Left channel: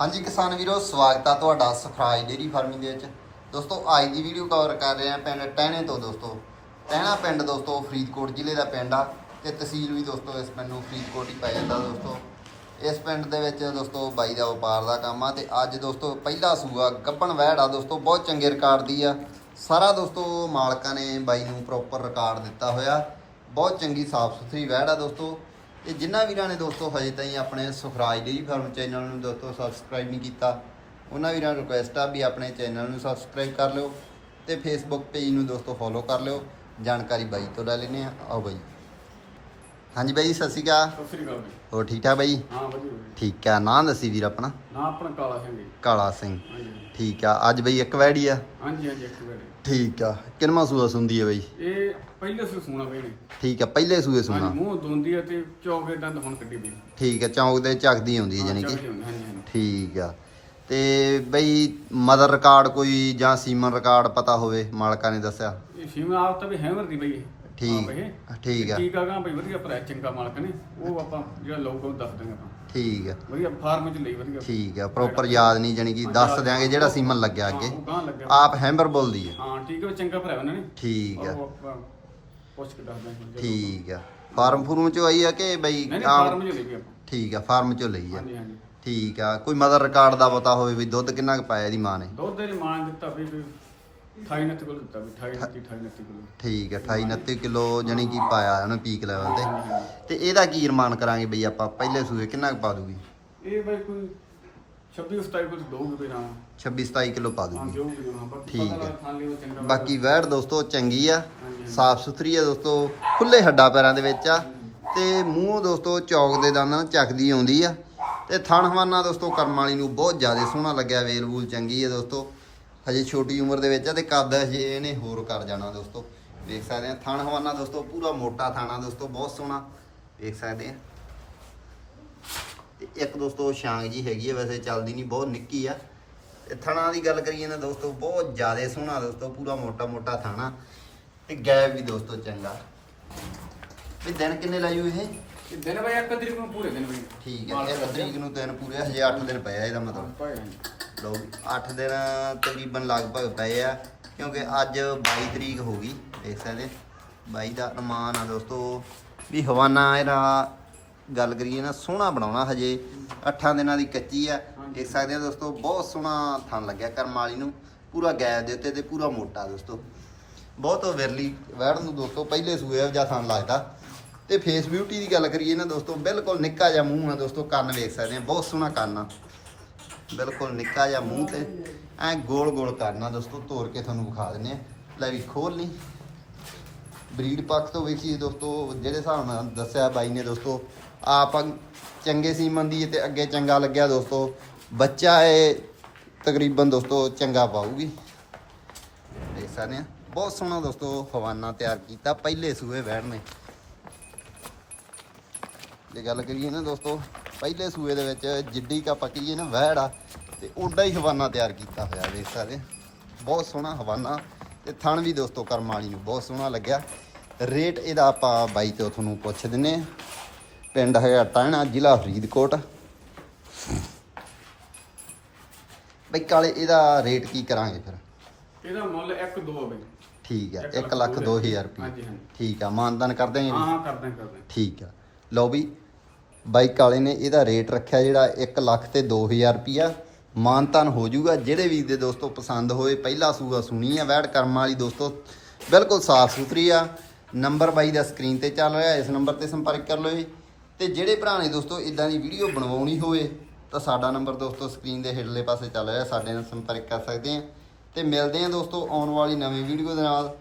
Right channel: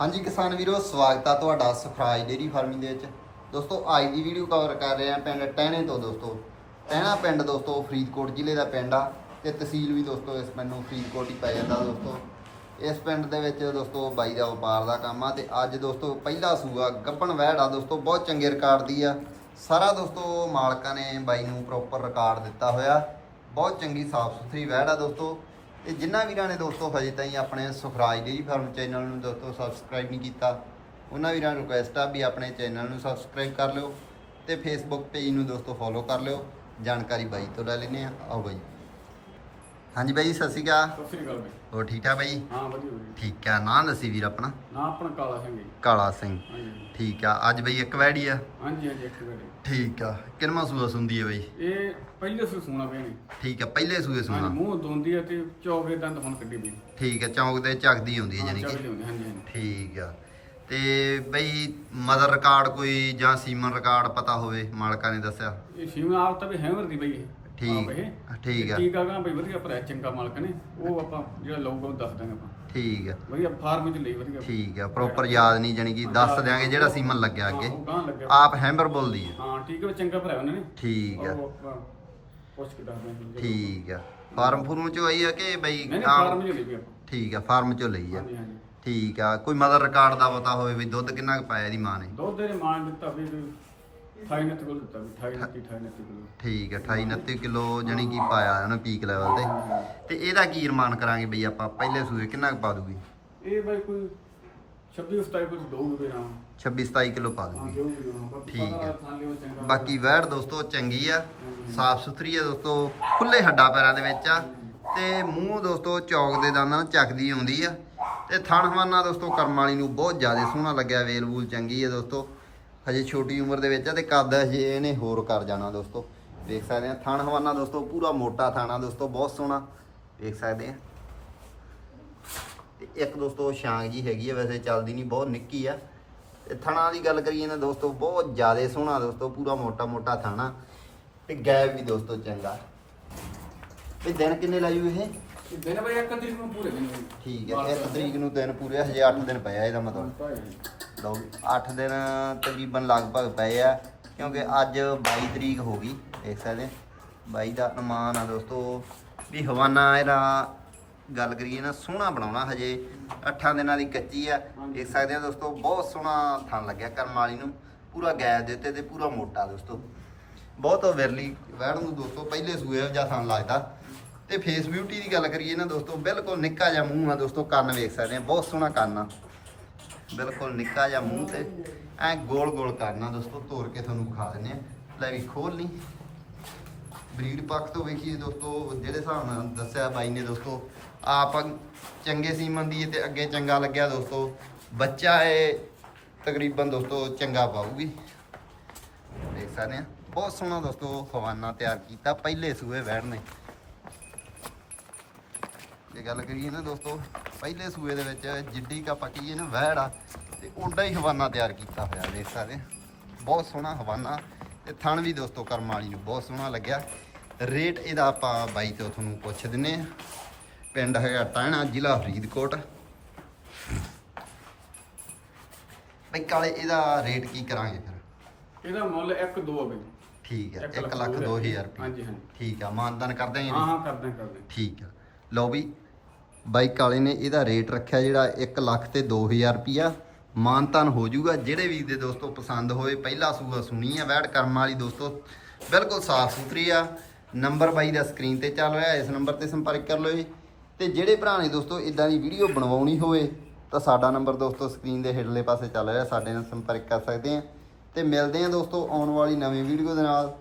ਹਾਂਜੀ ਕਿਸਾਨ ਵੀਰੋ, ਸਵਾਗਤ ਆ ਤੁਹਾਡਾ ਸਫਰਾਜ ਡੇਰੀ ਫਾਰਮਿੰਗ ਦੇ ਵਿੱਚ। ਦੋਸਤੋ, ਅੱਜ ਦੀ ਵੀਡੀਓ ਕਵਰ ਕਰ ਰਹੇ ਆ ਪਿੰਡ ਟਹਿਣੇ ਤੋਂ ਦੋਸਤੋ। ਟਹਿਣਾ ਪਿੰਡ ਦੋਸਤੋ, ਫਰੀਦਕੋਟ ਜ਼ਿਲ੍ਹੇ ਦਾ ਪਿੰਡ ਆ ਤੇ ਤਹਿਸੀਲ ਵੀ ਦੋਸਤੋ ਇਸ ਪਿੰਡ ਨੂੰ ਫਰੀਦਕੋਟ ਹੀ ਪੈ ਜਾਂਦਾ ਦੋਸਤੋ। ਇਸ ਪਿੰਡ ਦੇ ਵਿੱਚ ਦੋਸਤੋ ਬਾਈ ਦਾ ਵਪਾਰ ਦਾ ਕੰਮ ਆ ਤੇ ਅੱਜ ਦੋਸਤੋ ਪਹਿਲਾ ਸੂਆ ਗੱਬਣ ਵਹਿੜ ਆ ਦੋਸਤੋ, ਬਹੁਤ ਚੰਗੇ ਰਿਕਾਰਡ ਦੀ ਆ। ਸਾਰਾ ਦੋਸਤੋ ਮਾਲਕਾਂ ਨੇ ਬਾਈ ਨੂੰ ਪ੍ਰੋਪਰ ਰਿਕਾਰਡ ਦਿੱਤਾ ਹੋਇਆ। ਬਹੁਤ ਚੰਗੀ ਸਾਫ਼ ਸੁਥਰੀ ਵਹਿੜ ਆ ਦੋਸਤੋ। ਤੇ ਜਿਨ੍ਹਾਂ ਵੀਰਾਂ ਨੇ ਦੋਸਤੋ ਹਜੇ ਤਾਈਂ ਆਪਣੇ ਸੁਖਰਾਜ ਡੇਰੀ ਫਾਰਮ ਚੈਨਲ ਨੂੰ ਦੋਸਤੋ ਸਬਸਕ੍ਰਾਈਬ ਨਹੀਂ ਕੀਤਾ, ਉਹਨਾਂ ਵੀਰਾਂ ਨੂੰ ਰਿਕੁਐਸਟ ਆ ਵੀ ਆਪਣੇ ਚੈਨਲ ਨੂੰ ਸਬਸਕ੍ਰਾਈਬ ਕਰ ਲਿਓ ਤੇ ਫੇਸਬੁੱਕ ਪੇਜ ਨੂੰ ਦੋਸਤੋ ਫੋਲੋ ਕਰ ਲਿਓ। ਜਾਣਕਾਰੀ ਬਾਈ ਤੋਂ ਲੈ ਲੈਨੇ ਆ ਆਓ ਬਾਈ। ਹਾਂਜੀ ਬਾਈ ਸਤਿ ਸ਼੍ਰੀ ਅਕਾਲ। ਸਤਿ ਸ੍ਰੀ ਅਕਾਲ ਬਈ। ਹੋਰ ਠੀਕ ਠਾਕ ਬਾਈ? ਹਾਂ ਵਧੀਆ ਵਧੀਆ ਠੀਕ ਆ। ਨਾਂ ਦੱਸੀ ਵੀਰ ਆਪਣਾ? ਨਾ ਆਪਣਾ ਕਾਲਾ ਸਿੰਘ ਜੀ। ਕਾਲਾ ਸਿੰਘ। ਹਾਂਜੀ ਠੀਕ ਆ। ਅੱਜ ਬਈ ਇੱਕ ਵੈੜੀ ਆ। ਹਾਂਜੀ ਹਾਂਜੀ ਇੱਕ ਵਾਰੀ ਠੀਕ ਆ। ਕਿੰਨਵਾਂ ਸੂਆ ਸੁੰਦੀ ਆ ਬਈ? ਇਹ ਪਹਿਲੇ ਸੇ ਸੋਣਾ ਪਏ ਨੇ। ਠੀਕ ਆ ਪਹਿਲੇ ਸੂਏ ਹਾਂਜੀ ਸੁਣਾ ਮੂੰਹ ਦੋਂਦੀ ਆ ਤੇ ਚੌਕੇ ਦੰਦ ਹੁਣ ਕੱਢੀ ਬਈ। ਠੀਕ ਆ ਚੌਂਕ ਦੇ ਝੱਕਦੀ ਆਉਂਦੀ ਹੈ ਹਾਂ, ਜਾਨੀ ਕਿ। ਚੱਕਦੀ ਹਾਂਜੀ ਹਾਂਜੀ। ਠੀਕ ਆ। ਤੇ ਬਈ ਮਦਰ ਰਿਕਾਰਡ ਕੋਈ ਜਾਂ ਸੀਮਨ ਰਿਕਾਰਡ ਪਤਾ ਹੋਵੇ ਮਾਲਕਾਂ ਨੇ ਦੱਸਿਆ? ਇਹ ਸ਼ਿਮਲਾ ਆਪ ਤਾਂ ਵੀ ਹੈਮਰ ਦੀ ਬਈ ਇਹ। ਠੀਕ- ਆ। ਠੀਕ ਆ। ਗਾ ਬਈ ਵਧੀਆ ਭਰਾ ਚੰਗਾ ਮਾਲਕ ਨੇ। ਉਹ ਆਪਾਂ ਜਿਹੜਾ ਲਊਗਾ ਉਹ ਦੱਸ ਦਾਂਗੇ ਆਪਾਂ। ਠੀਕ ਆ। ਵਧੀਆ ਫਾਰਮ ਚ ਲਈ ਵਧੀਆ। ਠੀਕ ਆ ਪ੍ਰੋਪਰ ਯਾਦ ਨਹੀਂ ਜਾਨੀ ਕਿ ਦੱਸ ਦਿਆਂਗੇ ਜਿਹੜਾ ਸੀਮਨ ਲੱਗਿਆ ਅੱਗੇ। ਉਹ ਗਾਂ ਲੱਗਿਆ। ਆਪ ਹੈਂਬਰ ਬੋਲਦੀ ਆ। ਹਾਂ ਠੀਕ ਹੈ ਚੰਗਾ ਭਰਾ ਉਹਨਾਂ ਨੇ। ਠੀਕ ਆ। ਪੁੱਛ ਕੇ ਦੱਸ ਦਾਂਗੇ ਠੀਕ ਆ। ਫਾਰਮ ਫੂਰਮ ਚੋਂ ਆਈ ਆ ਕਿ ਬਈ ਨਹੀਂ ਫਾਰਮ ਚ ਲਈ ਆਪਾਂ। ਠੀਕ ਆ ਫਾਰਮ ਚੋਂ ਲਈ ਆ। ਹਾਂਜੀ ਹਾਂਜੀ। ਠੀਕ ਆ ਕੋਈ ਮਦਰ ਰਿਕਾਰਡ ਦਾ ਪਤਾ ਹੋਵੇ ਵੀ ਦੁੱਧ ਕਿੰਨਾ ਕੁ ਪਾਇਆ ਇਹਦੀ ਮਾਂ ਨੇ। ਦੁੱਧ ਦੇ ਮਾਨ ਦਿੱਤਾ ਵੀ ਵੀ 28 ਨੱਤ ਕੋਲ ਦਿੱਤਾ ਵੀ 28 ਨੱਤੀ 28 ਨੱਤੀ ਕੋਲ। ਠੀਕ ਆ 28 29 ਕਿਲੋ ਜਾਨੀ ਕਿ ਪਾਇਆ ਉਹਨੇ ਪੀਕ ਲੈਵਲ ਤੇ। ਤੇ ਇਹਦਾ ਕੀ ਅਰਮਾਨ ਕਰਾਂਗੇ ਬਈ ਆਪਾਂ? ਪਹਿਲੇ ਸੂਏ ਕਿੰਨਾ ਕੁ ਪਾ ਦੂਗੀ? ਇਹ ਬਈ ਕੋਈ 26 27 ਕੋਲ ਦੋਗੇ ਨਾ 26 27 ਕਿਲੋ ਪਾ ਹਾਂ ਦੂਗੀ ਠੀਕ ਹੈ। ਬਾਕੀ ਵੈੜ ਦੋਸਤੋ ਚੰਗੀ ਆ। ਸਾਫ਼ ਸੁਥਰੀ ਆ ਦੋਸਤੋ ਖੁੱਲੇ ਹੱਡਾਂ ਪੈਰਾਂ ਦੇ ਵਿੱਚ ਆ। ਤੇ ਮੂੰਹ ਦੋਸਤੋ ਚੌਕ ਦੇ ਦੰਦਾਂ ਨਾਲ ਚੱਕਦੀ ਆਉਂਦੀ ਆ। ਤੇ ਥਣ ਹਵਾਨਾ ਦੋਸਤੋ ਕਰਮ ਵਾਲੀ ਨੂੰ ਬਹੁਤ ਜ਼ਿਆਦਾ ਸੋਹਣਾ ਲੱਗਿਆ ਵੇਲ ਵੂਲ ਚੰਗੀ ਆ ਦੋਸਤੋ। ਹਜੇ ਛੋਟੀ ਉਮਰ ਦੇ ਵਿੱਚ ਆ ਤੇ ਕੱਦ ਹਜੇ ਇਹਨੇ ਹੋਰ ਕਰ ਜਾਣਾ ਦੋਸਤੋ। ਵੇਖ ਸਕਦੇ ਆ ਥਣ ਹਵਾਨਾ ਦੋਸਤੋ ਪੂਰਾ ਮੋਟਾ ਥਾਣਾ ਦੋਸਤੋ ਬਹੁਤ ਸੋਹਣਾ। ਵੇਖ ਸਕਦੇ ਆ। ਤੇ ਇੱਕ ਦੋਸਤੋ ਸ਼ਾਂਗ ਜੀ ਹੈਗੀ ਆ ਵੈਸੇ ਚੱਲਦੀ ਨਹੀਂ ਬਹੁਤ ਨਿੱਕੀ ਆ। ਤੇ ਥਣਾ ਦੀ ਗੱਲ ਕਰੀਏ ਨਾ ਦੋਸਤੋ ਬਹੁਤ ਜ਼ਿਆਦਾ ਸੋਹਣਾ ਦੋਸਤੋ ਪੂਰਾ ਮੋਟਾ ਮੋਟਾ ਥਾਣਾ ਤੇ ਗੈਪ ਵੀ ਦੋਸਤੋ ਚੰਗਾ। ਵੀ ਦਿਨ ਕਿੰਨੇ ਲਾਇਓ ਇਹ? ਇਹ ਦਿਨ ਬਈ ਇੱਕ ਤਰੀਕ ਨੂੰ ਪੂਰੇ ਦਿਨ ਠੀਕ ਹੈ ਇੱਕ ਤਰੀਕ ਨੂੰ ਦਿਨ ਪੂਰੇ ਹਜੇ 8 ਦਿਨ ਪਏ ਆ ਇਹਦਾ ਮਤਲਬ। ਲਓ ਵੀ 8 ਦਿਨ ਤਕਰੀਬਨ ਲਗਭਗ ਪਏ ਆ, ਕਿਉਂਕਿ ਅੱਜ 22 ਤਰੀਕ ਹੋ ਗਈ, ਦੇਖ ਸਕਦੇ 22 ਦਾ ਅਨੁਮਾਨ ਆ ਦੋਸਤੋ। ਵੀ ਹਵਾਨਾ ਇਹਦਾ ਗੱਲ ਕਰੀਏ ਨਾ, ਸੋਹਣਾ ਬਣਾਉਣਾ ਹਜੇ। 8 ਦਿਨਾਂ ਦੀ ਕੱਚੀ ਆ। ਦੇਖ ਸਕਦੇ ਆ ਦੋਸਤੋ, ਬਹੁਤ ਸੋਹਣਾ ਥਣ ਲੱਗਿਆ ਕਰਮ ਵਾਲੀ ਨੂੰ। ਪੂਰਾ ਗੈਪ ਦੇ ਉੱਤੇ ਤੇ ਪੂਰਾ ਮੋਟਾ ਦੋਸਤੋ। ਬਹੁਤ ਵਿਰਲੀ ਵੈੜ ਨੂੰ ਦੋਸਤੋ, ਪਹਿਲੇ ਸੂਏ ਜਾਂ ਥਣ ਲੱਗਦਾ। ਤੇ ਫੇਸ ਬਿਊਟੀ ਦੀ ਗੱਲ ਕਰੀਏ ਨਾ ਦੋਸਤੋ, ਬਿਲਕੁਲ ਨਿੱਕਾ ਜਿਹਾ ਮੂੰਹ ਆ ਦੋਸਤੋ, ਕੰਨ ਵੇਖ ਸਕਦੇ ਆ, ਬਹੁਤ ਸੋਹਣਾ ਕੰਨ ਆ। ਬਿਲਕੁਲ ਨਿੱਕਾ ਜਿਹਾ ਮੂੰਹ ਤੇ। ਐ ਗੋਲ ਗੋਲ ਕਰਨਾ ਦੋਸਤੋ ਤੋੜ ਕੇ ਤੁਹਾਨੂੰ ਵਿਖਾ ਦਿੰਨੇ ਆ ਲੈ ਵੀ ਖੋਲ ਨਹੀਂ ਬਰੀਡ ਪੱਖ ਤੋਂ ਵੇਖੀਏ ਦੋਸਤੋ, ਜਿਹੜੇ ਹਿਸਾਬ ਨਾਲ ਦੱਸਿਆ ਬਾਈ ਨੇ ਦੋਸਤੋ, ਆਪ ਚੰਗੇ ਸੀਮਨ ਦੀ ਤੇ ਅੱਗੇ ਚੰਗਾ ਲੱਗਿਆ ਦੋਸਤੋ। ਬੱਚਾ ਇਹ ਤਕਰੀਬਨ ਦੋਸਤੋ ਚੰਗਾ ਪਾਊਗੀ। ਦੇਖ ਸਕਦੇ ਆ ਬਹੁਤ ਸੋਹਣਾ ਦੋਸਤੋ ਹਵਾਨਾ ਤਿਆਰ ਕੀਤਾ, ਪਹਿਲੇ ਸੂਏ ਵੈੜ ਨੇ। ਜੇ ਗੱਲ ਕਰੀਏ ਨਾ ਦੋਸਤੋ ਪਹਿਲੇ ਸੂਏ ਦੇ ਵਿੱਚ ਜਿੱਡੀ ਕਾ ਪੱਕੀ ਨਾ ਵਹਿੜ ਆ ਤੇ ਓਡਾ ਹੀ ਹਵਾਨਾ ਤਿਆਰ ਕੀਤਾ ਹੋਇਆ ਦੇਖ ਸਕਦੇ ਬਹੁਤ ਸੋਹਣਾ ਹਵਾਨਾ ਤੇ ਥਣ ਵੀ ਦੋਸਤੋ ਕਰਮ ਵਾਲੀ ਨੂੰ ਬਹੁਤ ਸੋਹਣਾ ਲੱਗਿਆ। ਰੇਟ ਇਹਦਾ ਆਪਾਂ ਬਾਈ ਤੋਂ ਤੁਹਾਨੂੰ ਪੁੱਛ ਦਿੰਨੇ ਆ। ਪਿੰਡ ਹੈਗਾ ਟਾਣਾ ਜ਼ਿਲ੍ਹਾ ਫਰੀਦਕੋਟ। ਬਈ ਕਾਲੇ ਇਹਦਾ ਰੇਟ ਕੀ ਕਰਾਂਗੇ ਫਿਰ? ਇਹਦਾ ਮੁੱਲ 1 2 ਬਈ। ਠੀਕ ਹੈ ਇੱਕ 1 ਲੱਖ ਲੱਖ ਦੋ 2000 ਹਜ਼ਾਰ। ਰੁਪਏ। ਹਾਂਜੀ, ਹਾਂਜੀ। ਠੀਕ ਆ ਮਾਨਦਾਨ ਕਰਦੇ ਹਾਂ ਹਾਂ ਹਾਂ ਕਰਦੇ ਹਾਂ, ਕਰਦੇ ਹਾਂ। ਠੀਕ ਆ। ਲਓ ਵੀ ਬਾਈਕ ਵਾਲੇ ਨੇ ਇਹਦਾ ਰੇਟ ਰੱਖਿਆ ਜਿਹੜਾ 1 ਲੱਖ ਤੇ 2000 ਰੁਪਿਆ ਮਾਨਤਾਨ ਹੋ ਜਾਊਗਾ। ਜਿਹੜੇ ਵੀ ਦੇ ਦੋਸਤੋ ਪਸੰਦ ਹੋਏ, ਪਹਿਲਾ ਸੂਗਾ ਸੁਣੀ ਆ, ਵੈੜ ਕਰਮ ਵਾਲੀ ਦੋਸਤੋ, ਬਿਲਕੁਲ ਸਾਫ਼ ਸੁਥਰੀ ਆ। ਨੰਬਰ ਬਾਈ ਦਾ ਸਕਰੀਨ ਤੇ ਚੱਲ ਰਿਹਾ, ਇਸ ਨੰਬਰ ਤੇ ਸੰਪਰਕ ਕਰ ਲਓ ਜੀ। ਤੇ ਜਿਹੜੇ ਭਰਾ ਨੇ ਦੋਸਤੋ ਇਦਾਂ ਦੀ ਵੀਡੀਓ ਬਣਵਾਉਣੀ ਹੋਵੇ, ਤਾਂ ਸਾਡਾ ਨੰਬਰ ਦੋਸਤੋ ਸਕਰੀਨ ਦੇ ਹੇਠਲੇ ਪਾਸੇ ਚੱਲ ਰਿਹਾ, ਸਾਡੇ ਨਾਲ ਸੰਪਰਕ ਕਰ ਸਕਦੇ ਆ। ਤੇ ਮਿਲਦੇ ਆ ਦੋਸਤੋ ਆਉਣ ਵਾਲੀ ਨਵੀਂ ਵੀਡੀਓ ਦੇ ਨਾਲ।